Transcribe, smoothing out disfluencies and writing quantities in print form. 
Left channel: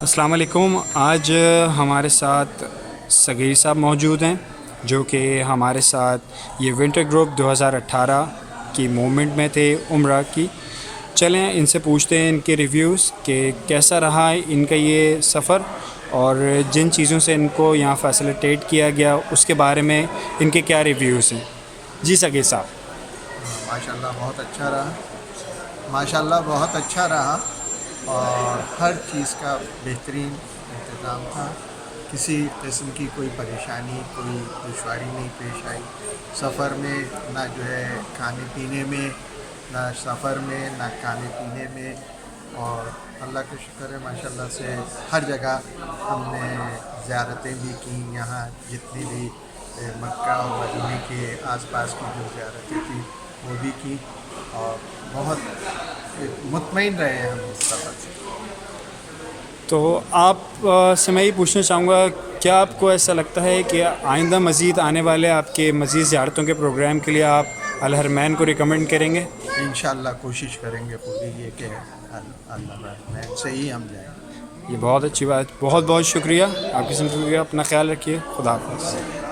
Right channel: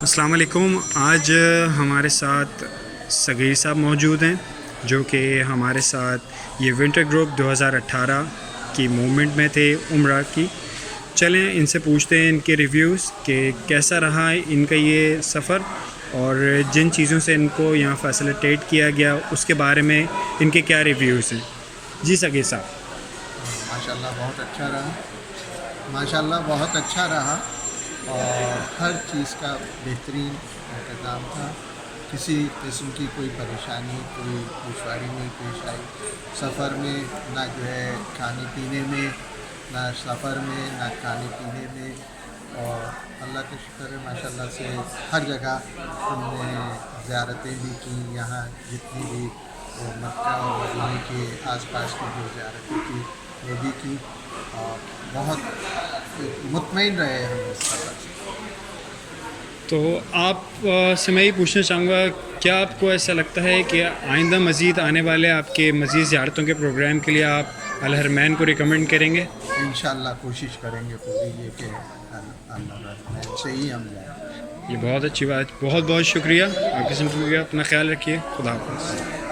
السلام علیکم. آج ہمارے ساتھ صغیر صاحب موجود ہیں جو کہ ہمارے ساتھ یہ ونٹر گروپ 2018 کی موومنٹ میں تھے عمرہ کی. چلیں ان سے پوچھتے ہیں ان کے ریویوز کہ کیسا رہا ان کا یہ سفر اور جن چیزوں سے ان کو یہاں فیسلیٹیٹ کیا گیا اس کے بارے میں ان کے کیا ریویوز ہیں. جی صغیر صاحب. ماشاءاللہ بہت اچھا رہا اور ہر چیز کا بہترین انتظام تھا. کسی قسم کی کوئی پریشانی کوئی دشواری نہیں پیش آئی سفر میں، نہ جو ہے کھانے پینے میں، نہ سفر میں، نہ کھانے پینے میں. اور اللہ کا شکر ہے ماشاءاللہ سے ہر جگہ ہم نے زیارتیں بھی کی. یہاں جتنی بھی مکہ اور مدینے کے آس پاس کی جو زیارتیں تھیں وہ بھی کی اور بہت مطمئن رہے ہم اس سفر سے. تو آپ سے میں یہ پوچھنا چاہوں گا، کیا آپ کو ایسا لگتا ہے کہ آئندہ مزید آنے والے آپ کے مزید زیارتوں کے پروگرام کے لیے آپ الحرمین کو ریکمنڈ کریں گے؟ انشاءاللہ کوشش کریں گے پوری یہ کہ الحرمین سے ہی ہم جائیں. یہ بہت اچھی بات. بہت بہت شکریہ. آپ کی شکریہ. اپنا خیال رکھیے. خدا حافظ.